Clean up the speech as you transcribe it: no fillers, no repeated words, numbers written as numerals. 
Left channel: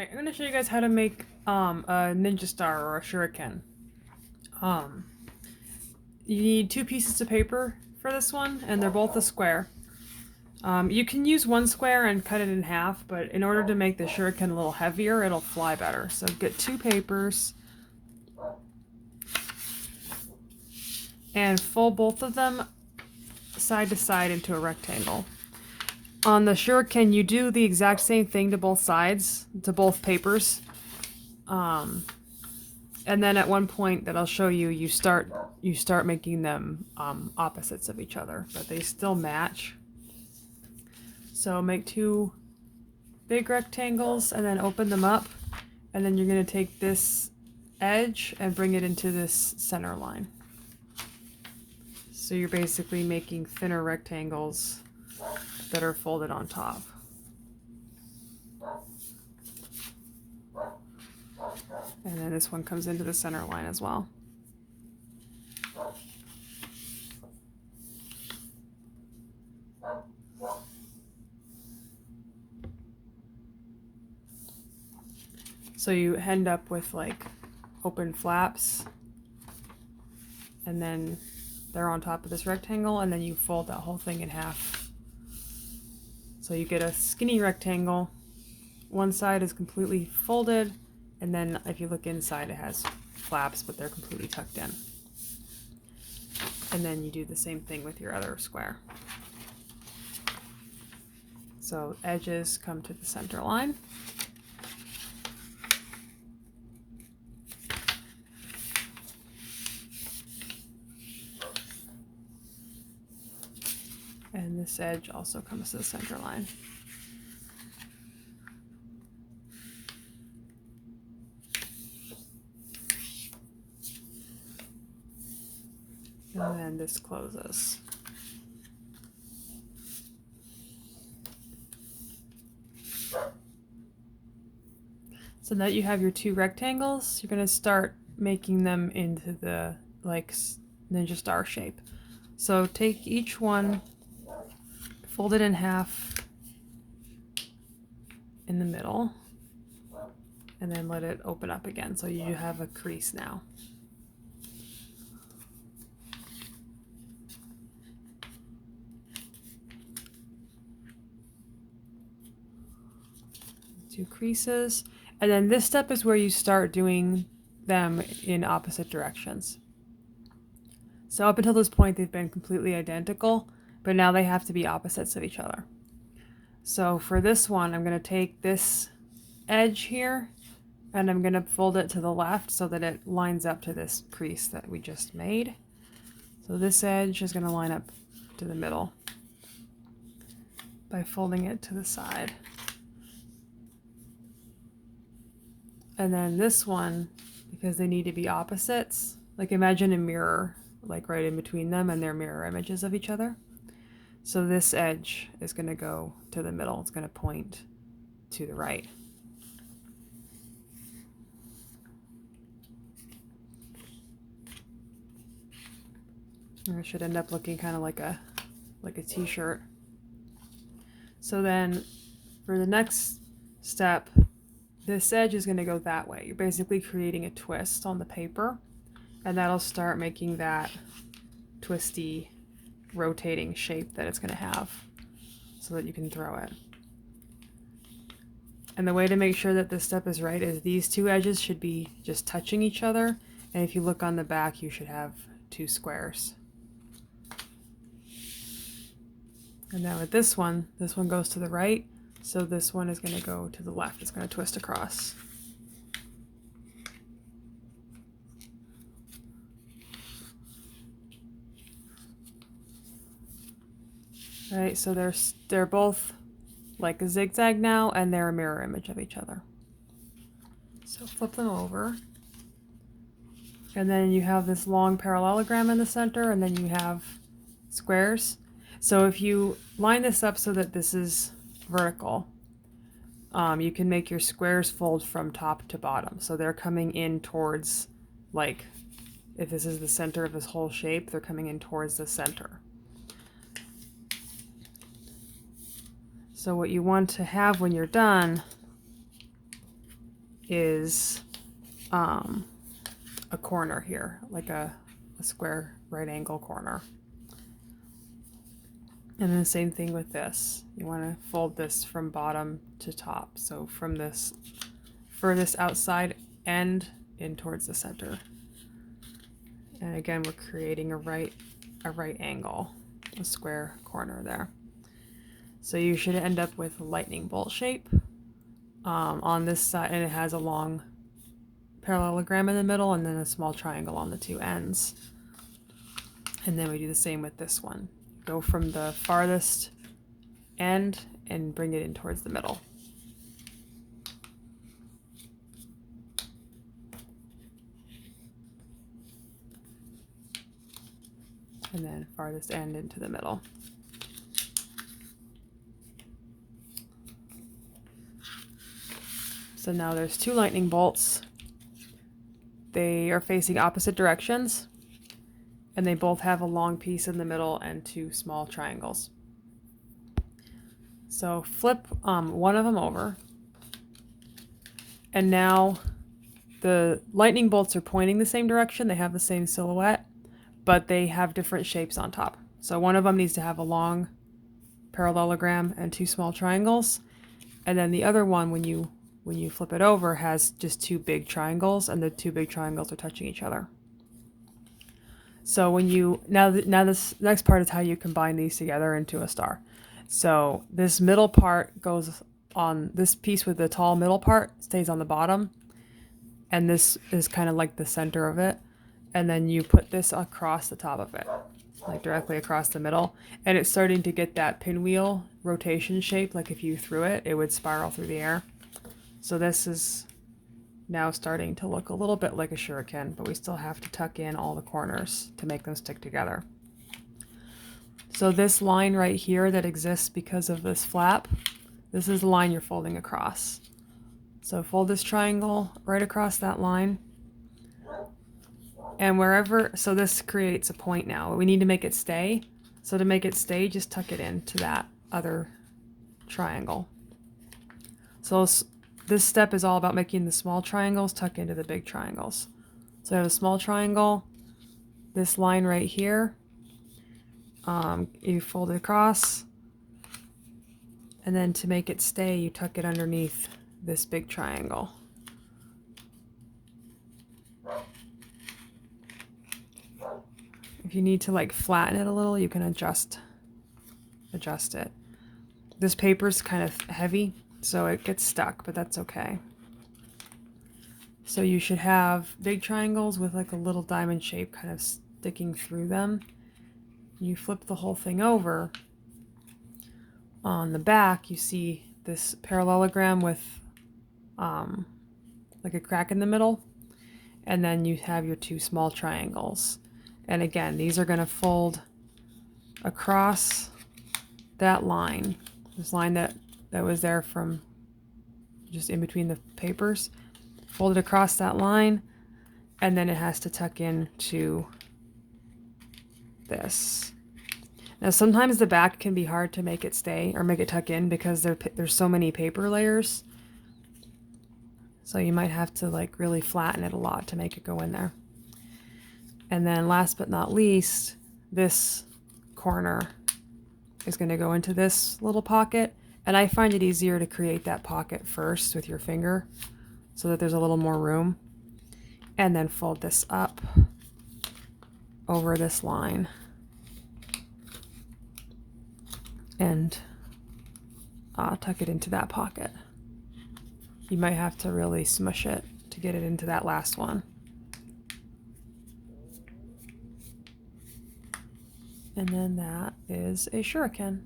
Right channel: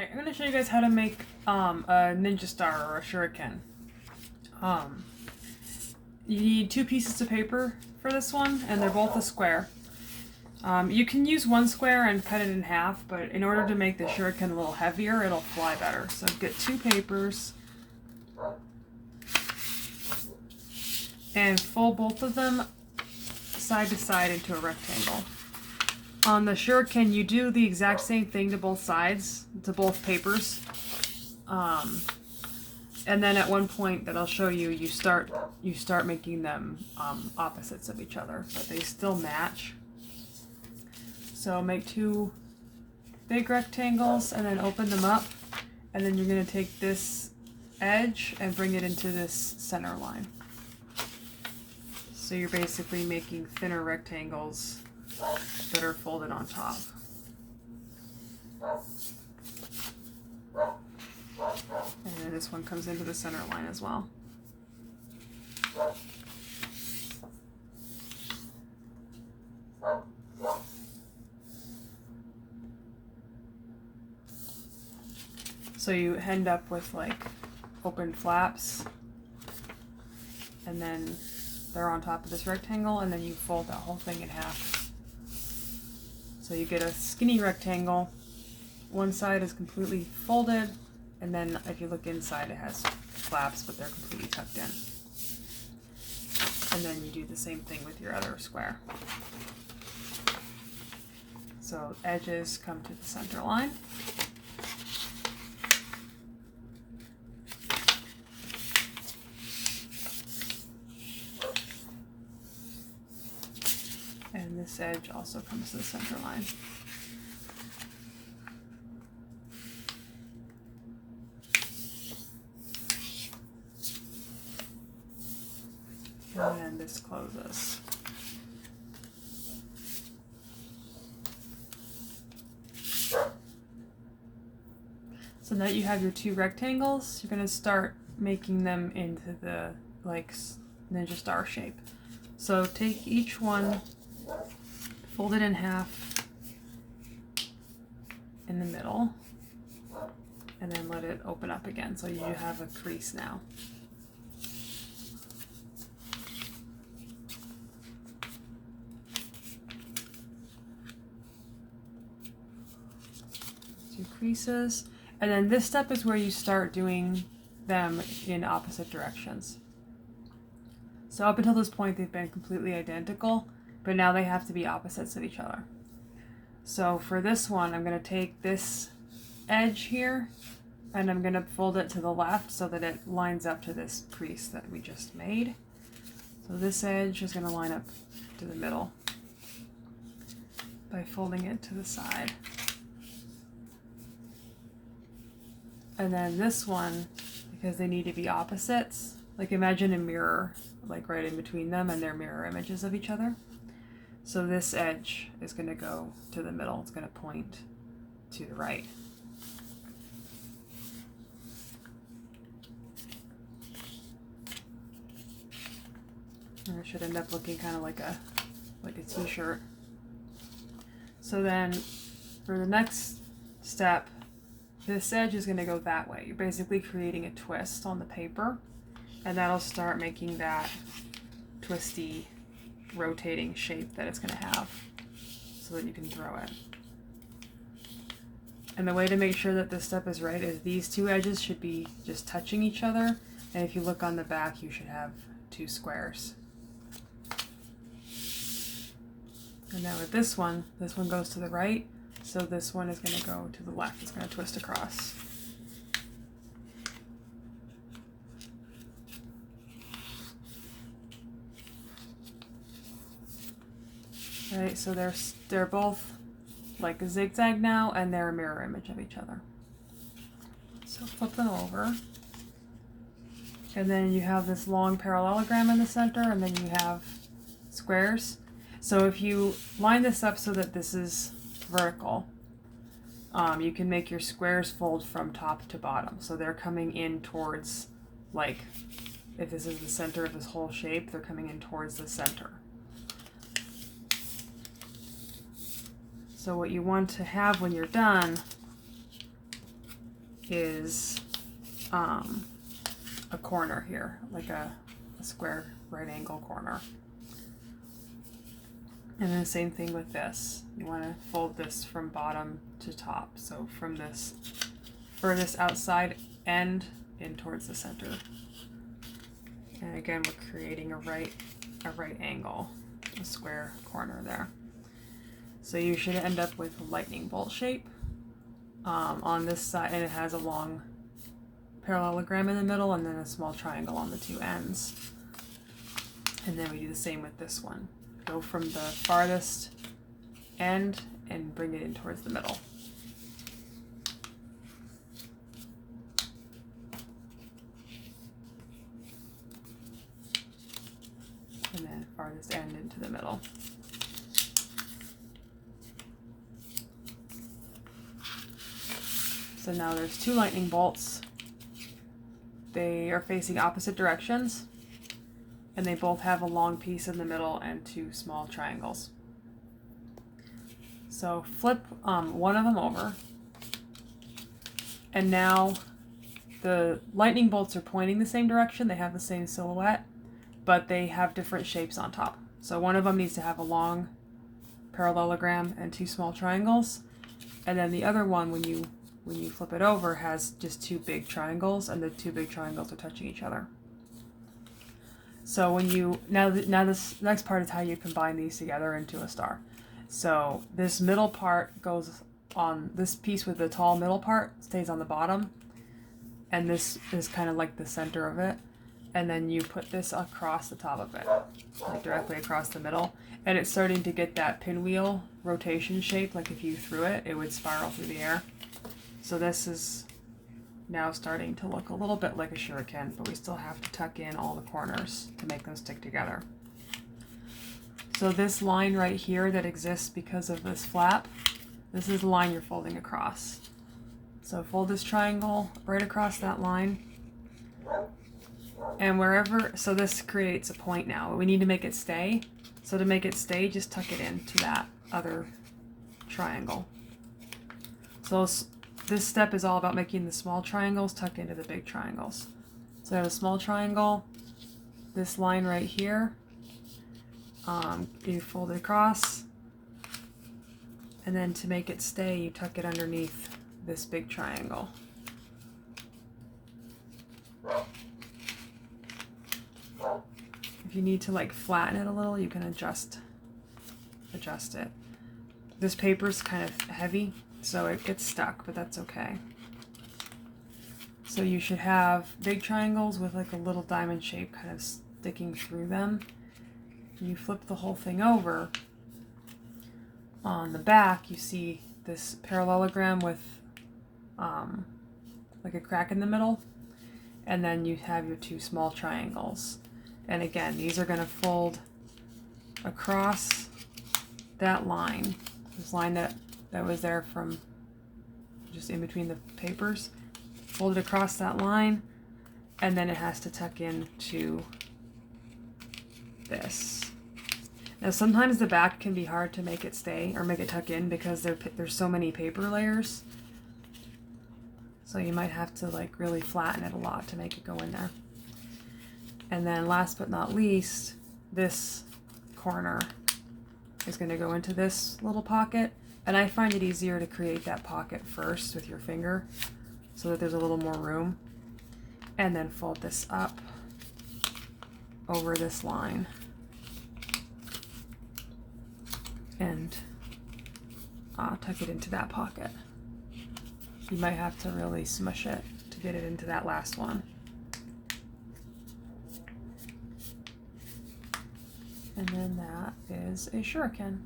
Alright, I'm going to show you guys how to make a ninja star or a shuriken. You need two pieces of paper for this one, and they're both a square. You can use one square and cut it in half, but in order to make the shuriken a little heavier, it'll fly better. So get two papers and fold both of them side to side into a rectangle. On the shuriken, you do the exact same thing to both sides, to both papers. And then at one point that I'll show you, you start making them opposites of each other, but they still match. So make two big rectangles and then open them up, and then you're going to take this edge and bring it into this center line. So you're basically making thinner rectangles that are folded on top. And then this one comes into the center line as well. So you end up with like open flaps, and then they're on top of this rectangle, and then you fold that whole thing in half. So you get a skinny rectangle. One side is completely folded, and then if you look inside, it has flaps, but they're completely tucked in. And then you do the same thing with your other square. So edges come to the center line. And this edge also comes to the center line. And then this closes. So now that you have your two rectangles, you're going to start making them into the like ninja star shape. So take each one, fold it in half in the middle, and then let it open up again. So you have a crease now. Two creases, and then this step is where you start doing them in opposite directions. So up until this point they've been completely identical, but now they have to be opposites of each other. So for this one, I'm going to take this edge here and I'm going to fold it to the left so that it lines up to this crease that we just made. So this edge is going to line up to the middle by folding it to the side. And then this one, because they need to be opposites, like imagine a mirror like right in between them and they're mirror images of each other. So this edge is going to go to the middle. It's going to point to the right. And it should end up looking kind of like a t-shirt. So then for the next step, this edge is going to go that way. You're basically creating a twist on the paper, and that'll start making that twisty, rotating shape that it's going to have so that you can throw it. And the way to make sure that this step is right is these two edges should be just touching each other, and if you look on the back, you should have two squares. And now with this one goes to the right, so this one is going to go to the left. It's going to twist across. Alright, so they're both like a zigzag now, and they're a mirror image of each other. So flip them over. And then you have this long parallelogram in the center, and then you have squares. So if you line this up so that this is vertical, you can make your squares fold from top to bottom. So they're coming in towards, like, if this is the center of this whole shape, they're coming in towards the center. So what you want to have when you're done is a corner here, like a square right angle corner. And then the same thing with this. You want to fold this from bottom to top. So from this furthest outside end in towards the center. And again, we're creating a right angle, a square corner there. So you should end up with a lightning bolt shape on this side, and it has a long parallelogram in the middle and then a small triangle on the two ends. And then we do the same with this one. Go from the farthest end and bring it in towards the middle. And then farthest end into the middle. So now there's two lightning bolts. They are facing opposite directions, and they both have a long piece in the middle and two small triangles. So flip one of them over, and now the lightning bolts are pointing the same direction. They have the same silhouette, but they have different shapes on top. So one of them needs to have a long parallelogram and two small triangles, and then the other one, when you flip it over, has just two big triangles, and the two big triangles are touching each other. So when you now this next part is how you combine these together into a star. So this middle part goes on, this piece with the tall middle part stays on the bottom, and this is kind of like the center of it, and then you put this across the top of it, like directly across the middle, and it's starting to get that pinwheel rotation shape. Like if you threw it, it would spiral through the air. So this is now starting to look a little bit like a shuriken, but we still have to tuck in all the corners to make them stick together. So this line right here that exists because of this flap, this is the line you're folding across. So fold this triangle right across that line. And wherever, so this creates a point now. We need to make it stay. So to make it stay, just tuck it into that other triangle. So this step is all about making the small triangles tuck into the big triangles. So I have a small triangle, this line right here, you fold it across, and then to make it stay, you tuck it underneath this big triangle. If you need to like flatten it a little, you can adjust it. This paper's kind of heavy, so it gets stuck, but that's okay. So you should have big triangles with like a little diamond shape kind of sticking through them. You flip the whole thing over. On the back, you see this parallelogram with like a crack in the middle, and then you have your two small triangles. And again, these are going to fold across that line, this line that was there from just in between the papers. Fold it across that line, and then it has to tuck into this. Now sometimes the back can be hard to make it stay or make it tuck in because there's so many paper layers. So you might have to like really flatten it a lot to make it go in there. And then last but not least, this corner is going to go into this little pocket. And I find it easier to create that pocket first with your finger so that there's a little more room. And then fold this up over this line. And tuck it into that pocket. You might have to really smush it to get it into that last one. And then that is a shuriken.